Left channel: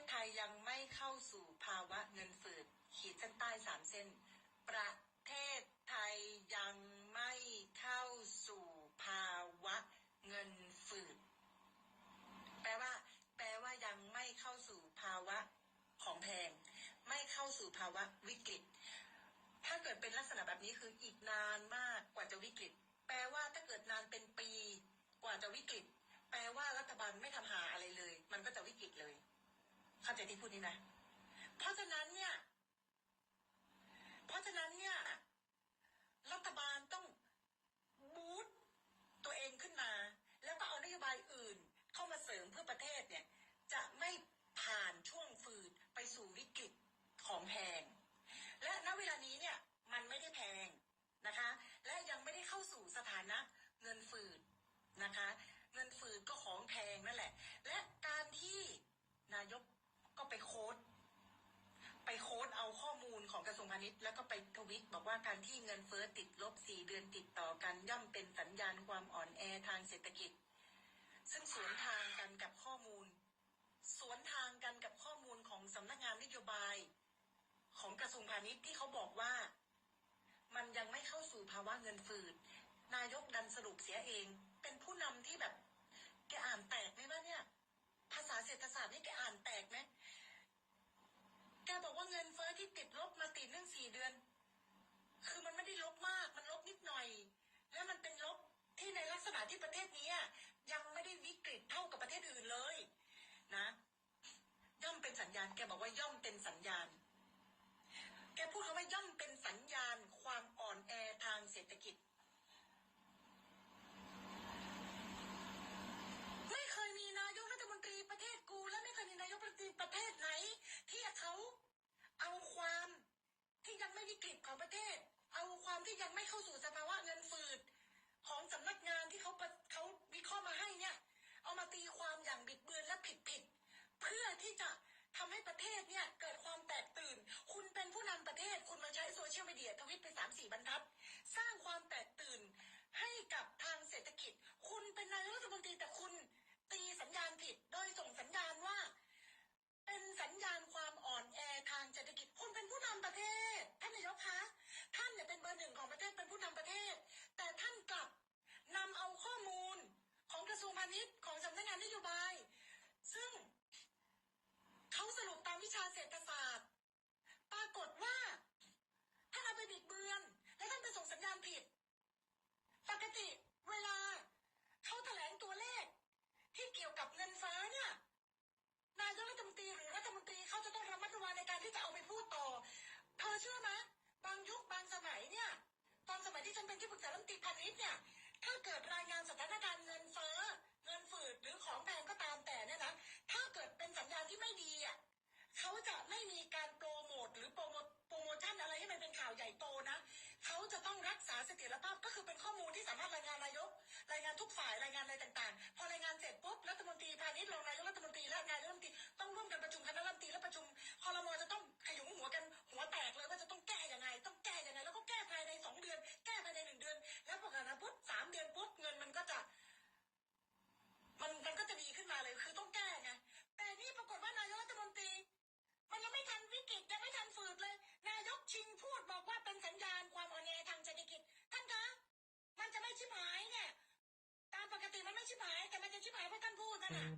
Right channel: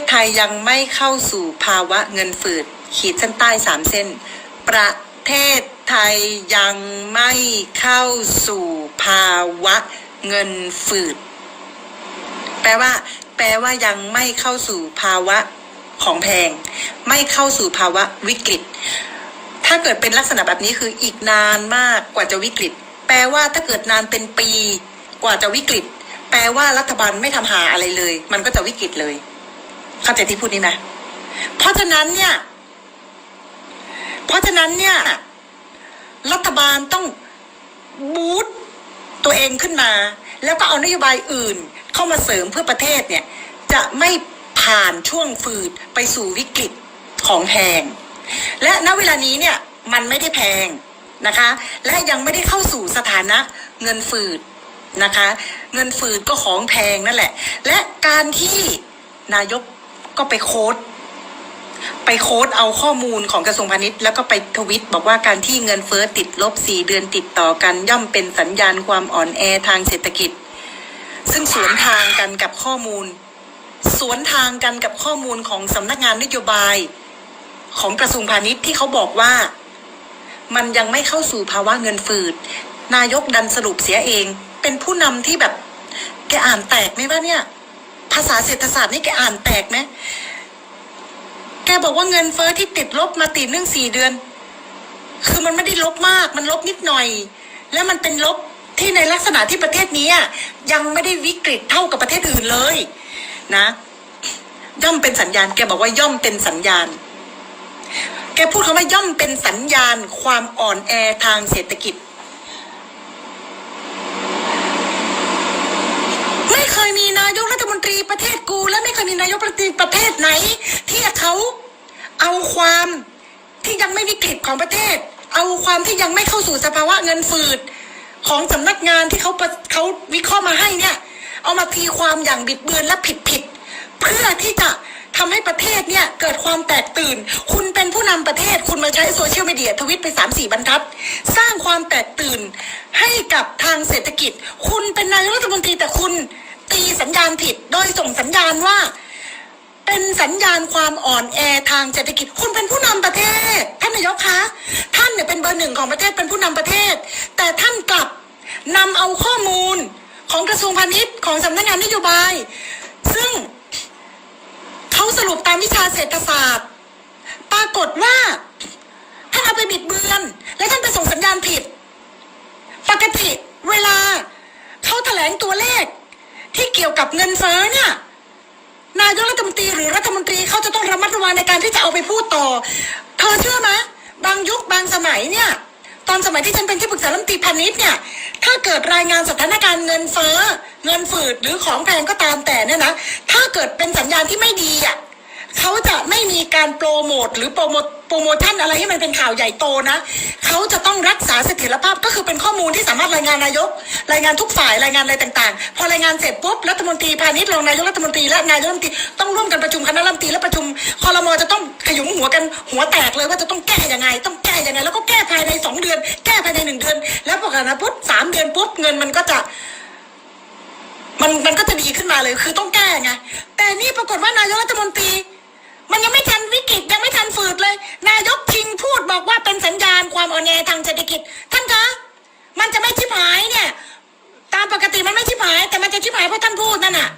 ศไทยยังไม่เข้าสู่ภาวะเงินฝืด ขีดเส้นใต้สามเส้น ประเทศไทยยังไม่เข้าสู่ภาวะเงินฝืด แปลว่า แปลว่ายังไม่เข้าสู่ภาวะของแพง ไม่เข้าสู่ภาวะวิกฤต ถ้าเกิดเป็นลักษณะแบบนี้คืออีกนานมากกว่าจะวิกฤต แปลว่าถ้าเกิดนานเป็นปีกว่าจะวิกฤต แปลว่ารัฐบาลไม่ทำหาอะไรเลย มันก็จะวิกฤตเลย เข้าใจที่พูดนี้ไหมเพราะฉะนั้นเนี่ย เพราะฉะนั้นเนี่ย รัฐบาลต้องบูตตัวเองขึ้นมา แล้วก็เอานโยบายอื่นเข้ามาเสริมเพื่อประเทศเนี่ย จะไม่ผ่านช่วงฝืดไปสู่วิกฤตของแพง และณเวลานี้เนี่ยมันไม่ได้แพงนะคะ และยังไม่ได้เข้าสู่สถานะเงินฝืดนะคะ เงินฝืดก็ของแพงนั่นแหละ และการที่นายก ก็ไปโค้ดไปโค้ดเอาข้อมูลของกระทรวงพาณิชย์แล้วก็ไปทวิตบอกว่าการที่เงินเฟ้อติดลบ4เดือนติดต่อกันย่อมเป็นสัญญาณความอ่อนแอทางเศรษฐกิจ ซึ่งสวนทางกันกับข้อมูล สวนทางกันกับข้อมูลของสำนักงานนโยบาย ของกระทรวงพาณิชย์ที่เขาบอกว่า มันยังไม่เข้าสู่ภาวะเงินฝืด นายกดันสรุปเสียเอง เป็นผู้นำที่แบบแกอ่านแตกไหมว่าเนี่ย ภาษาเศรษฐศาสตร์นี่แกอ่านแตกไหมแกบอกว่าเงินเฟ้อที่ติดลบมาติดเนื่องสี่เดือน คือมันไม่ได้ลบมาก มันลบนิดหน่อย แล้วมันเป็นลบที่ในลักษณะที่ประเทศนี้อะยังไม่ได้วิกฤตเท่ากับประเทศอื่นเลย นะ ย่อมเป็นสัญญาณ แกบอกว่าย่อมเป็นสัญญาณ แกพูดคำว่าย่อมเป็นสัญญาณ ความอ่อนแอทางเศรษฐกิจ ไม่เคยมี ประเทศกู และไม่เคยมีนายกรัฐมนตรีประเทศไหน ที่เขาเอาความที่ยังไม่วิกฤตของประเทศ เอาความที่ยังไม่เข้าสู่สภาวะเงินฝืดของสำนักงานที่เขาเขาวิเคราะห์มาให้เนี่ย เอามาตีความอย่างบิดเบือนและผิดผิดเพื่อที่จะทำให้ประเทศเนี่ยเกิดความแตกตื่น คุณเป็นผู้นำประเทศ คุณมาใช้โซเชียลมีเดียทวิตไปสามสี่บรรทัด สร้างความแตกตื่นให้กับทางเศรษฐกิจ คุณเป็นนายกรัฐมนตรีแต่คุณ ตีสัญญาณผิด โดยส่งสัญญาณว่า เป็นสัญญาณความอ่อนแอทางเศรษฐกิจ คุณเป็นผู้นำประเทศ ท่านนายกคะ ท่านเนี่ยเป็นเบอร์หนึ่งของประเทศเป็นผู้นำประเทศ แต่ท่านกลับนำเอาข้อมูลของกระทรวงพาณิชย์ของสำนักงานนโยบาย ซึ่งเขาสรุปตามวิชาเศรษฐศาสตร์ ปรากฏว่าท่านเอาไปบิดเบือน และท่านไปส่งสัญญาณผิด ปกติเวลาเขาแถลงตัวเลข ที่เกี่ยวกับเงินเฟ้อเนี่ยนายกรัฐมนตรีหรือรัฐมนตรีเขาจะต้องระมัดระวังในการที่จะเอาไปพูดต่อ เธอเชื่อไหมบางยุคบางสมัยเนี่ย ตอนสมัยที่ฉันเป็นที่ปรึกษารัฐมนตรีพาณิชย์เนี่ย ถ้าเกิดรายงานสถานการณ์เงินเฟ้อ เงินฝืดหรือของแพงก็ตามแต่เนี่ยนะ ถ้าเกิดเป็นสัญญาณที่ไม่ดีอะ เขาจะไม่มีการโปรโมทหรือโปรโมทโปรโมชั่นอะไรให้มันเป็นข่าวใหญ่โตนะเขาจะต้องรักษาเสถียรภาพก็คือเป็นข้อมูลที่สามารถรายงานนายก รายงานทุกฝ่ายรายงานอะไรต่างๆ พอรายงานเสร็จปุ๊บรัฐมนตรีพาณิชย์รองนายกรัฐมนตรีและนายกรัฐมนตรีต้องร่วมกันประชุมคณะรัฐมนตรีและประชุมคอรมอจะต้องขยุมหัวกันหัวแตกเลยว่าจะต้องแก้ยังไง ต้องแก้ยังไง แล้วก็แก้ภายในสองเดือน แก้ภายในหนึ่งเดือน แล้วพอกันนะปุ๊บสามเดือนปุ๊บเงินมันก็จะมันมันก็จะดีขึ้นมาเลยคือต้องแก้ไงแต่นี่ปรากฏว่านายกรัฐมนตรี มันยังไม่ทันวิกฤตยังไม่ทันฝืดเลย นายกชิงพูดบอกว่าเป็นสัญญาณความอ่อนแอทางเศรษฐกิจ ท่านคะมันจะไม่ชิบหายเนี่ย ตามปกติมันไม่ชิบหาย แต่มันจะชิบหายเพราะท่านพูดนั่นน่ะ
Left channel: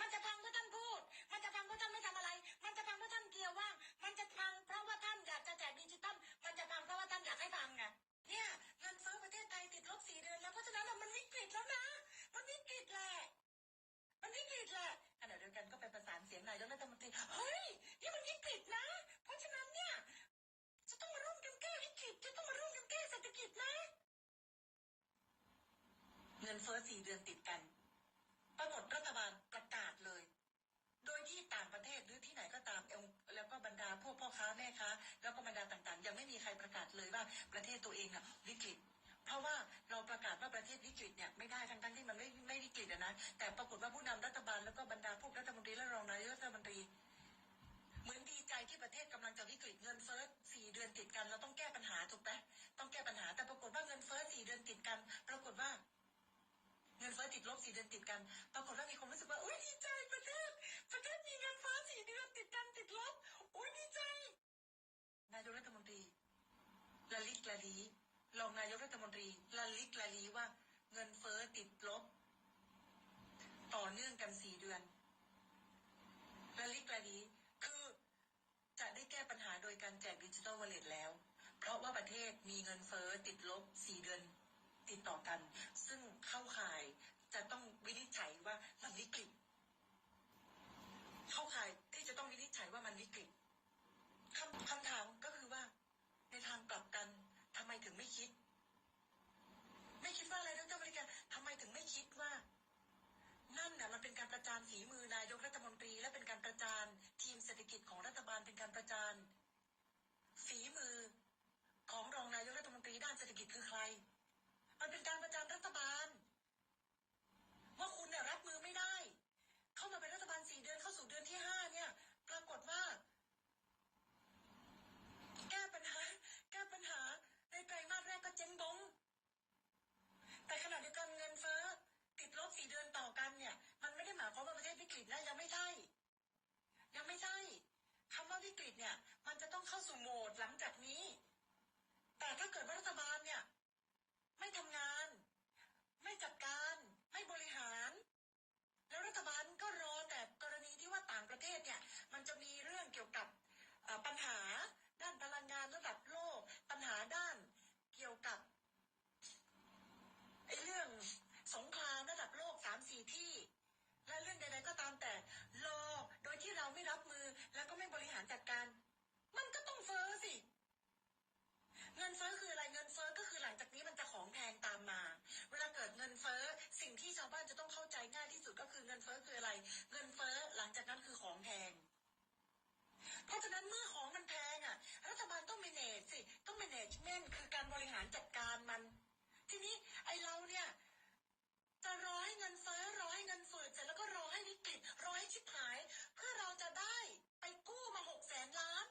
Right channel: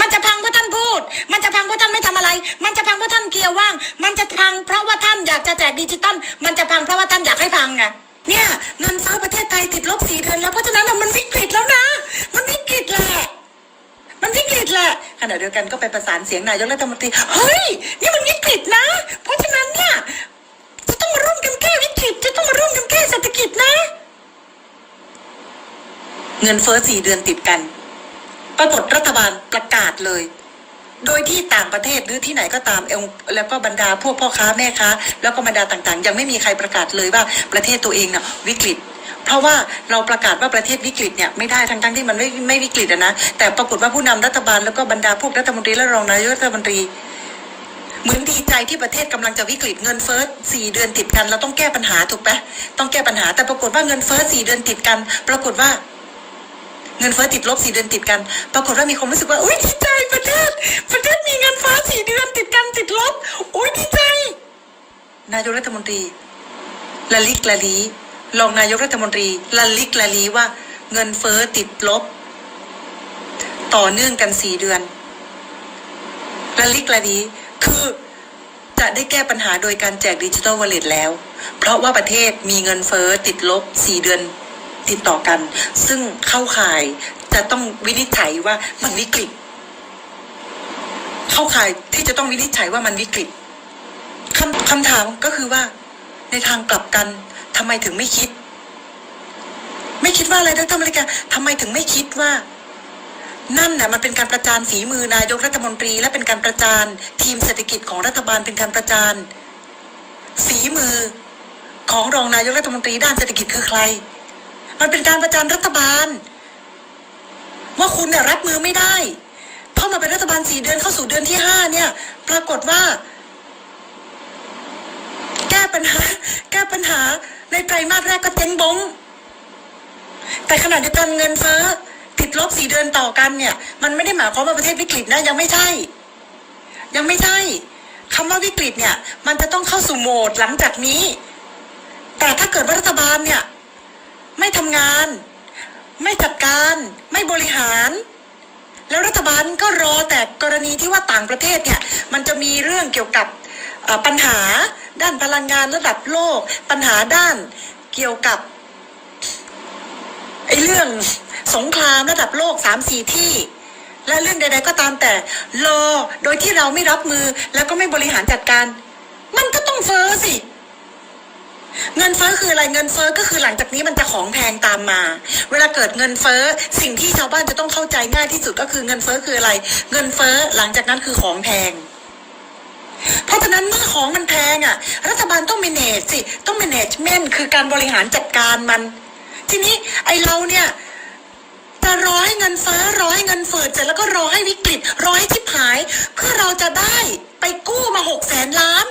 มันจะพังเพราะท่านพูด มันจะพังเพราะท่านไม่ทำอะไร มันจะพังเพราะท่านเกียร์ว่าง มันจะพังเพราะว่าท่านอยากจะแจกดิจิตอลมันจะพังเพราะว่าท่านอยากให้พังไงเนี่ยเงินเฟ้อประเทศไทยติดลบสี่เดือนแล้วเพราะฉะนั้นมันวิกฤตแล้วนะ มันวิกฤตแหละ มันวิกฤตแหละขณะเดียวกันก็ไปประสานเสียงนายกรัฐมนตรีเฮ้ยนี่มันวิกฤตนะ เพราะฉะนั้นเนี่ยจะต้องมาร่วมกันแก้วิกฤตจะต้องมาร่วมกันแก้เศรษฐกิจนะ เงินเฟ้อสี่เดือนติดกัน ปรากฏรัฐบาลประกาศเลย โดยที่ต่างประเทศหรือที่ไหนก็ตามเองแล้วก็บรรดาพวกพ่อค้าแม่ค้า แล้วก็บรรดาต่างๆ ยังไม่มีใครประกาศเลยว่าประเทศตัวเองน่ะวิกฤต เพราะว่าเราประกาศว่าประเทศวิกฤตเนี่ยไม่ได้ทั้งๆที่มันไม่ไม่วิกฤตนะแต่ปรากฏว่าผู้นำรัฐบาลแล้วก็บรรดาพวกรัฐมนตรีและรองนายกรัฐมนตรีเหมือนดีใจที่ประเทศกำลังจะวิกฤตเงินเฟ้อสี่เดือนติดกัน เราต้องแก้ปัญหาถูกไหมต้องแก้ปัญหาแต่ปรากฏว่าเงินเฟ้อสี่เดือนติดกัน ปรากฏว่า เงินเฟ้อติดลบสี่เดือนติดกัน ปรากฏว่ามีความรู้สึกว่าอุ้ยดีใจประเทศ ประเทศมีเงินเฟ้อสี่เดือนติดกันติดลบอุ้ยดีใจ นายกรัฐมนตรีละลิกละลี รองนายกรัฐมนตรีละลิกละลีว่าเงินเฟ้อติดลบ ต่อเนื่องกันสี่เดือนละลิกละลีคือจะได้แก้ปัญหาโดยการแจกดิจิทัลวอลเล็ตแล้ว เพราะว่าประเทศมีเงินเฟ้อติดลบสี่เดือนติดต่อกัน ซึ่งเข้าข่ายจะต้องวินิจฉัยว่ามันวิกฤต เข้าข่ายที่จะต้องวินิจฉัยว่ามันวิกฤตคำคำถามก็คือว่า ในทางกลับกัน ทำไมถึงไม่คิด ไม่คิดว่าอะไรดรมาริกาทำไมถึงไม่คิดว่า นั่นน่ะมันเป็นการประจานฝีมือนายกรัฐมนตรี และเป็นการประจานทีมเศรษฐกิจของรัฐบาลเป็นการประจานฝีมือของรองนายกรัฐมนตรีด้านเศรษฐกิจคือใคร มันเป็นการประจานรัฐบาล ว่าคุณเนี่ยรับมือไม่ได้เข้าะมาเป็นรัฐบาลสี่เดือนเข้าสู่เดือนที่ห้าเนี่ย ปรากฏว่า แก้ปัญหา แก้ปัญหา ในไตรมาสแรกก็เจ๊งบง แต่ขณะเดียวกันเงินเฟ้อติดลบสี่เดือนต่อกันเนี่ย มันไม่ได้หมายความว่าประเทศวิกฤตนะยังไม่ใช่ ยังไม่ใช่คำว่าวิกฤตเนี่ย มันจะต้องเข้าสู่โหมดหลังจากนี้ แต่ถ้าเกิดรัฐบาลเนี่ย ไม่ทำงาน ไม่จัดการไม่บริหาร แล้วรัฐบาลก็รอแต่กรณีที่ว่าต่างประเทศเนี่ย มันจะมีเรื่องเกี่ยวกับ ปัญหาด้านพลังงานระดับโลก ปัญหาด้านเกี่ยวกับไอ้เรื่องสงครามระดับโลกสามสี่ที่ และเรื่องใดๆก็ตามแต่รอโดยที่เราไม่รับมือแล้วก็ไม่บริหารจัดการ มันก็ต้องเฟ้อสิ เงินเฟ้อคืออะไรเงินเฟ้อก็คือหลังจากนี้มันจะของแพงตามมา เวลาเกิดเงินเฟ้อสิ่งที่ชาวบ้านจะต้องเข้าใจง่ายที่สุดก็คือเงินเฟ้อคืออะไร เงินเฟ้อหลังจากนั้นคือของแพง เพราะฉะนั้นเมื่อของมันแพงอะ รัฐบาลต้อง manage สิ ต้อง management คือการบริหารจัดการมัน ทีนี้ไอเราเนี่ยจะรอให้เงินฟ้อรอให้เงินเฟ้อเสร็จแล้วก็รอให้วิกฤตรอให้ทิพหาย เพื่อเราจะได้ไปกู้มาหกแสนล้าน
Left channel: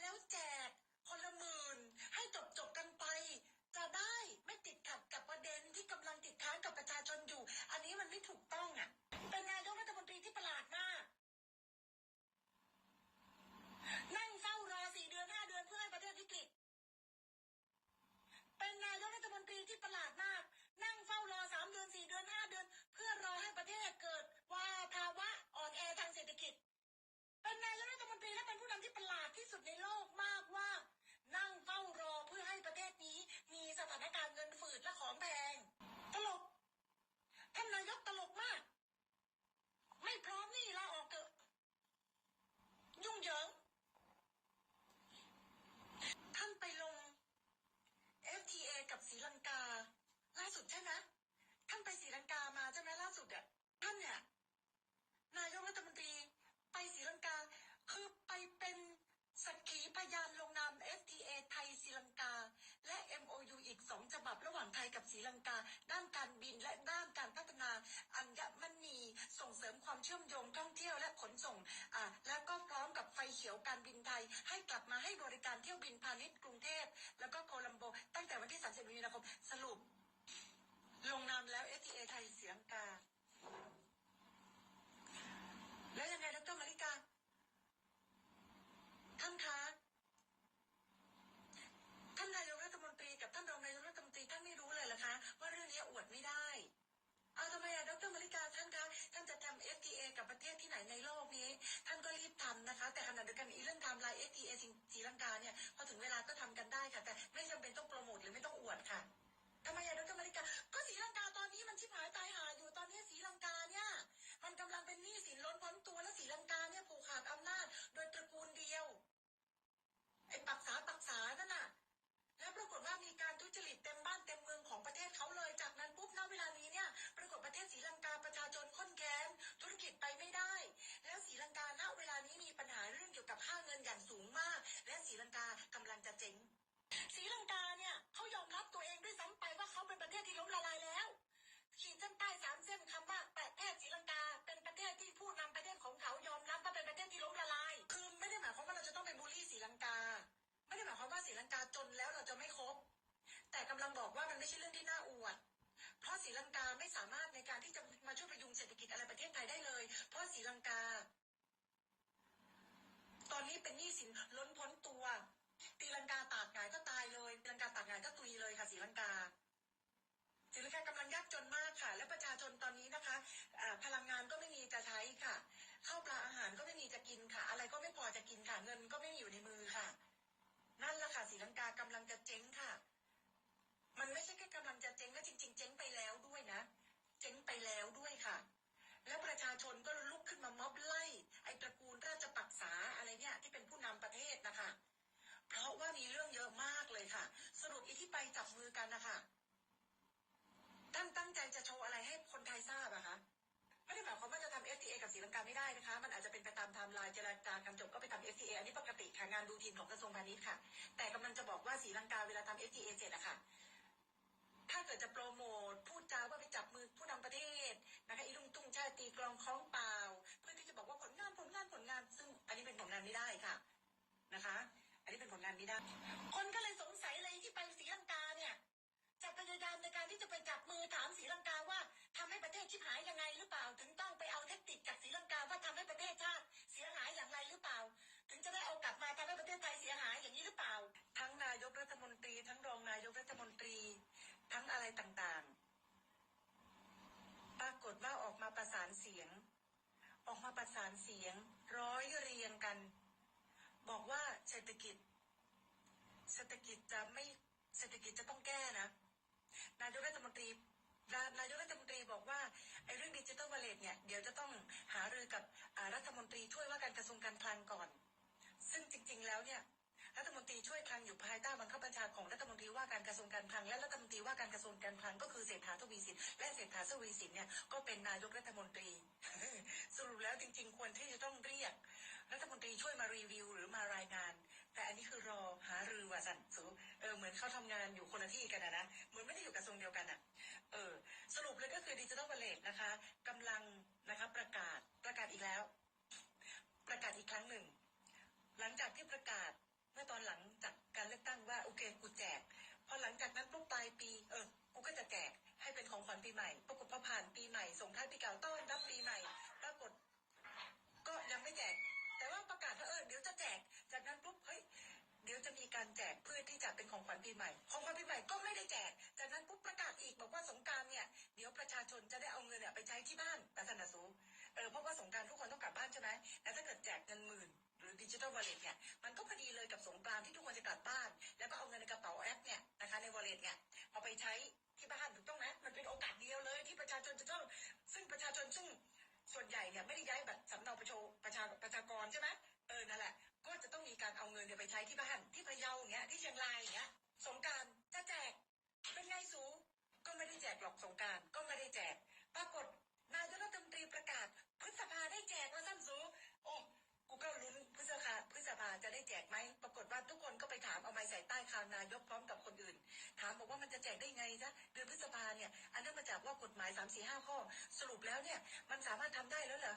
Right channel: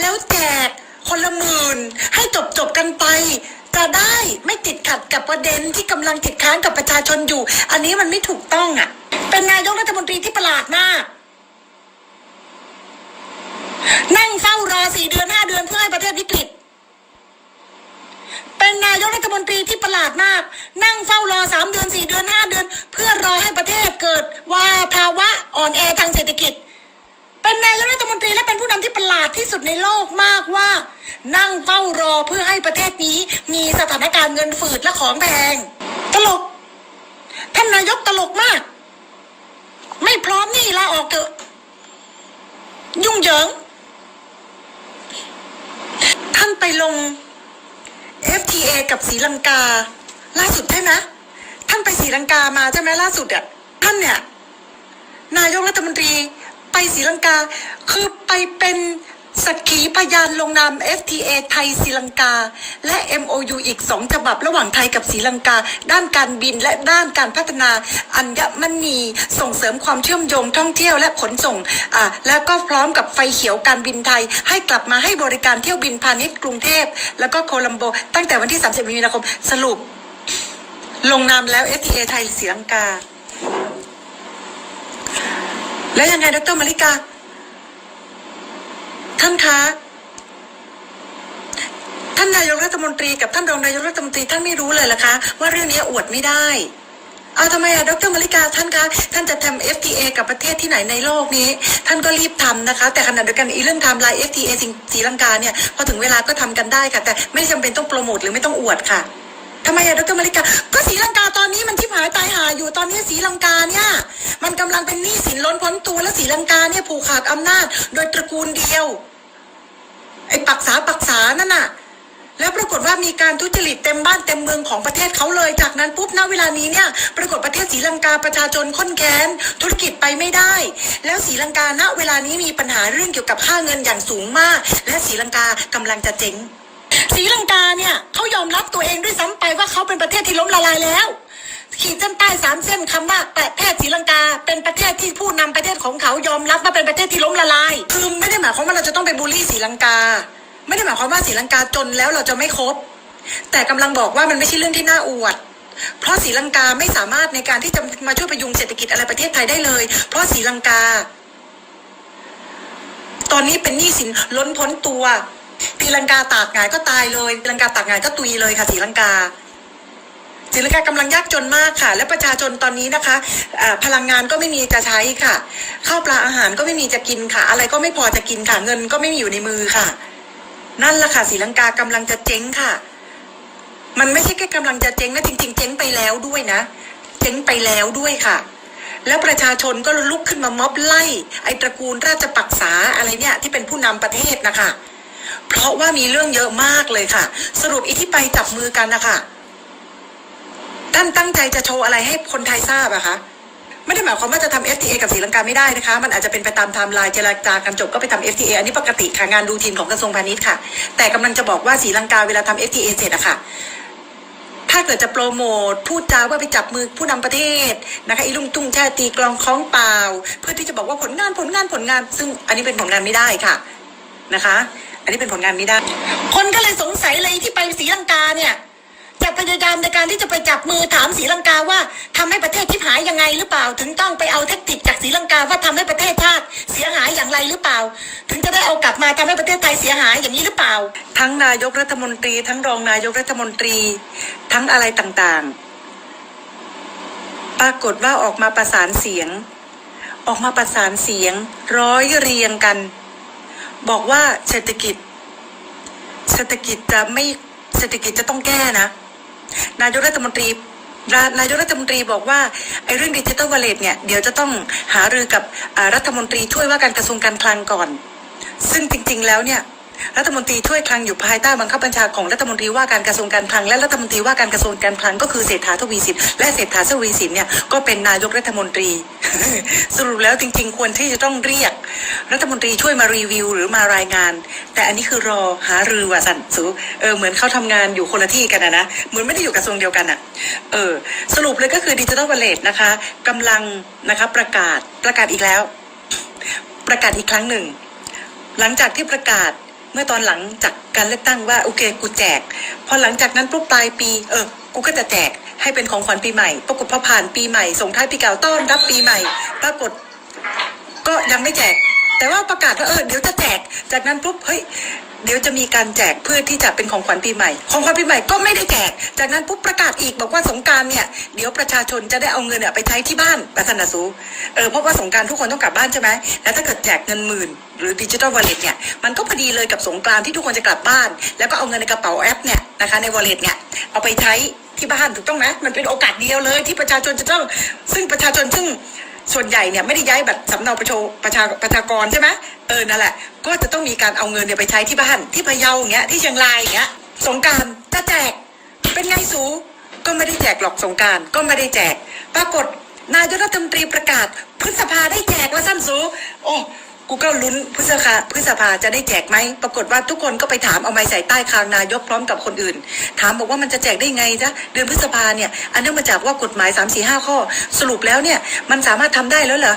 แล้วแจกคนละหมื่นให้จบจบกันไป จะได้ไม่ติดขัดกับประเด็นที่กำลังติดค้างกับประชาชนอยู่ อันนี้มันไม่ถูกต้องอะ เป็นนายกรัฐมนตรีที่ประหลาดมาก นั่งเฝ้ารอสี่เดือนห้าเดือนเพื่อให้ประเทศวิกฤต เป็นนายกรัฐมนตรีที่ประหลาดมาก นั่งเฝ้ารอสามเดือนสี่เดือนห้าเดือน เพื่อรอให้ประเทศเกิดว่าภาวะอ่อนแอทางเศรษฐกิจ เป็นนายกรัฐมนตรีและเป็นผู้นำที่ประหลาดที่สุดในโลกมากว่า นั่งเฝ้ารอเพื่อให้ประเทศนี้มีสถานการณ์เงินฝืดและของแพงตลกท่านนายกตลกมาก ไม่พร้อมนี่ลาออกเถอะยุ่งเหยิง ท่าน ไปลง FTA กับศรีลังกา ล่าสุดใช่ไหมท่านไปศรีลังกามาใช่ไหมล่าสุดอะท่านเนี่ย นายกรัฐมนตรีไปศรีลังกา คือไปเป็น สักขีพยานลงนาม FTA ไทยศรีลังกา และ MOU อีกสองฉบับระหว่างไทยกับศรีลังกา ด้านการบินและด้านการพัฒนาอัญมณี ส่งเสริมความเชื่อมโยงท่องเที่ยวและขนส่งอ่าแล้วก็พร้อมกับไฟเขียวการบินไทย ให้กลับมาให้บริการเที่ยวบินพาณิชย์กรุงเทพ แล้วก็โคลัมโบ ตั้งแต่วันที่ 30 มีนาคม สรุป ลงนามแล้ว FTA ไทยศรีลังกา แล้วยังไงดรมาริกา ท่านคะท่านนายกรัฐมนตรีกับท่านรองนายกรัฐมนตรีท่านไม่รู้เลยเหรอคะ ว่าเรื่องนี้อวดไม่ได้ เอาทำไมอะดรมาริกาท่านคะ ท่านจะทำ FTA กับประเทศที่ไหนในโลกนี้ ท่านก็รีบทำนะคะ แต่ขณะเดียวกันอีเรื่องไทม์ไลน์ FTA สิงศรีลังกาเนี่ยพอถึงเวลาก็ทำกันได้ค่ะ แต่ไม่จำเป็นต้องโปรโมทหรือไม่ต้องอวดค่ะ ทำไมอะดรมาริกา ก็ศรีลังกาตอนนี้มันที่หายตายหาอยู่ตอนนี้ศรีลังกาเนี่ย มันกำลังเป็นหนี้สินล้นพ้นตัวและศรีลังกาเนี่ยผูกขาดอำนาจ โดยตระกูลเดียวไอ้ปักษาปักษานั่นน่ะ แล้วปรากฏว่ามีการทุจริตเต็มบ้านเต็มเมืองของประเทศเขาเลย จากนั้นปุ๊บณเวลานี้เนี่ย ปรากฏประเทศศรีลังกาประชาชนค้นแค้นธุรกิจไปไม่ได้ แล้วศรีลังกาณเวลานี้มีปัญหาเรื่องเกี่ยวกับค่าเงินอย่างสูงมาก และศรีลังกากำลังจะเจ๊ง ศรีลังกาเนี่ยเขายอมรับตัวเองด้วยซ้ำไปว่าเขาเป็นประเทศที่ล้มละลายแล้ว ขีดเส้นใต้สามเส้นคำว่าประเทศศรีลังกา เป็นประเทศที่ผู้นำประเทศของเขายอมรับว่าเป็นประเทศที่ล้มละลายคือไม่ได้หมายความว่าเราจะต้องไปบูลลี่ศรีลังกา ไม่ได้หมายความว่าศรีลังกาจนแล้วเราจะไม่คบ แต่กำลังบอกว่ามันไม่ใช่เรื่องที่น่าอวดเพราะศรีลังกาไม่สามารถในการที่จะมาช่วยประยุงเศรษฐกิจอะไรประเทศไทยได้เลย เพราะศรีลังกา ตอนนี้เป็นหนี้สินล้นพ้นตัว ศรีลังกาตากงายก็ตายเลยศรีลังกาตากงายก็ตุยเลยค่ะศรีลังกาศรีลังกากำลังยากจนมากค่ะ และประชาชนตอนนี้นะคะพลังงานก็ไม่มีจะใช้ค่ะข้าวปลาอาหารก็ไม่มีจะกินค่ะ อะไรก็ไม่พอจะกินค่ะ เงินก็ไม่มีอยู่ในมือค่ะ นั่นแหละค่ะศรีลังกากำลังจะเจ๊งค่ะ มันไม่ใช่แค่กำลังจะเจ๊งนะจริง ๆ เจ๊งไปแล้วด้วยนะ เจ๊งไปแล้วด้วยค่ะ แล้วประชาชนก็ลุกขึ้นมาม็อบไล่ ไอ้ตระกูลราชปักษาอะไรเนี่ยที่เป็นผู้นำประเทศนะคะ เพราะว่ามีเรื่องเยอะมากเลยค่ะ สรุปอีที่ไปจับมือกันนะคะท่านตั้งใจจะโชว์อะไรให้คนไทยทราบอะคะไม่ได้หมายความว่าจะทำ FTA กับศรีลังกาไม่ได้นะคะ มันอาจจะเป็นไปตามไทม์ไลน์เจรจากันจบก็ไปทำ FTA อันนี้ปกติค่ะงานดูทีนของกระทรวงพาณิชย์ค่ะ แต่กำลังจะบอกว่าศรีลังกาเวลาทำ FTA เสร็จอะค่ะ ถ้าเกิดจะโปรโมทพูดจาว่าไปจับมือผู้นำประเทศนะคะอีลุงตุ้งแช่ตีกลองคล้องเปล่า เพื่อที่จะบอกว่าผลงานผลงานผลงาน ซึ่งอันนี้เป็นผลงานไม่ได้ค่ะนะคะ อันนี้เป็นผลงานไม่ได้ คนก็เลยสงสัยเลยที่ไปศรีลังกาเนี่ยจะพยายามในการที่จะไปจับมือถามศรีลังกาว่าทำให้ประเทศที่หายยังไงหรือเปล่า ถึงต้องไปเอาเทคนิคจากศรีลังกาว่าทำให้ประเทศชาติเสียหายอย่างไรหรือเปล่า ถึงจะได้เอากลับมาทำให้ประเทศไทยเสียหายอย่างนี้หรือเปล่า ทั้งนายกรัฐมนตรี ทั้งรองนายกรัฐมนตรี ทั้งอะไรต่างๆ ปรากฏว่าออกมาประสานเสียง ออกมาประสานเสียง ร้อยเรียงกัน บอกว่าเศรษฐกิจ เศรษฐกิจจะไม่เศรษฐกิจจะต้องแก้นะ นายกรัฐมนตรีนายกรัฐมนตรีบอกว่าไอ้เรื่องดิจิตอลวอลเล็ตเนี่ยเดี๋ยวจะต้องหารือกับรัฐมนตรีช่วยว่าการกระทรวงการคลังก่อน ซึ่งจริง ๆ แล้วเนี่ย รัฐมนตรีช่วยคลังอยู่ภายใต้บังคับบัญชาของรัฐมนตรีว่าการกระทรวงการคลังและรัฐมนตรีว่าการกระทรวงการคลังก็คือเศรษฐาทวีสินและเศรษฐาทวีสินเนี่ยก็เป็นนายกรัฐมนตรี สรุปแล้วจริง ๆ ควรที่จะต้องเรียก รัฐมนตรีช่วยมารีวิว หรือมารายงาน แต่อันนี้คือรอหารือว่าสันสูเออเหมือนเขาทำงานอยู่คนละที่กันนะนะเหมือนไม่ได้อยู่กระทรวงเดียวกันอะเออสรุปเลยก็คือดิจิทัลวอลเล็ตนะคะกำลังนะคะประกาศประกาศอีกแล้ว ประกาศอีกครั้งหนึ่ง หลังจากที่ประกาศ เมื่อตอนหลังจากการเลือกตั้งว่าโอเคกูแจก พอหลังจากนั้นปุ๊บปลายปี เออ กูก็จะแจกให้เป็นของขวัญปีใหม่ ปรากฏพอผ่านปีใหม่ส่งท้ายปีเก่าต้อนรับปีใหม่ ปรากฏก็ยังไม่แจก แต่ว่าประกาศว่าเออเดี๋ยวจะแจก จากนั้นปุ๊บเฮ้ย เดี๋ยวจะมีการแจกเพื่อที่จะเป็นของขวัญปีใหม่ ของขวัญปีใหม่ก็ไม่ได้แจก จากนั้นปุ๊บประกาศอีกบอกว่าสงการเนี่ยเดี๋ยวประชาชนจะได้เอาเงินเนี่ยไปใช้ที่บ้านประธานาสูเออเพราะว่าสงการทุกคนต้องกลับบ้านใช่ไหมแล้วถ้าเกิดแจกเงินหมื่นหรือดิจิทัลวอลเล็ตเนี่ยมันก็พอดีเลยกับสงกรานที่ทุกคนจะกลับบ้าน แล้วก็เอาเงินในกระเป๋าแอปเนี่ยนะคะในวอลเล็ตเนี่ยเอาไปใช้ที่บ้านถูกต้องไหมมันเป็นโอกาสเดียวเลยที่ประชาชนจะต้องซึ่งประชาชนซึ่ง ส่วนใหญ่เนี่ยไม่ได้ย้ายบัตรสำเนาประชาประชาประชากรใช่ไหมเออนั่นแหละ ก็จะต้องมีการเอาเงินเนี่ยไปใช้ที่บ้านที่พะเยาอย่างเงี้ยที่เชียงรายอย่างเงี้ยสงการจะแจกเป็นไงสูก็ไม่ได้แจกหรอกสงการก็ไม่ได้แจก ปรากฏนายกรัฐมนตรีประกาศพฤษภาได้แจกว่าสั้นสูโอ้ กูก็ลุ้นพฤษภาพฤษภาจะได้แจกไหม ปรากฏว่าทุกคนก็ไปถามเอาไม้ใส่ใต้คางนายกพร้อมกับคนอื่น ถามบอกว่ามันจะแจกได้ไงจ๊ะเดือนพฤษภาเนี่ย อันเนื่องมาจากว่ากฎหมาย 3 4 5 ข้อ สรุปแล้วเนี่ย มันสามารถทำได้แล้วเหรอ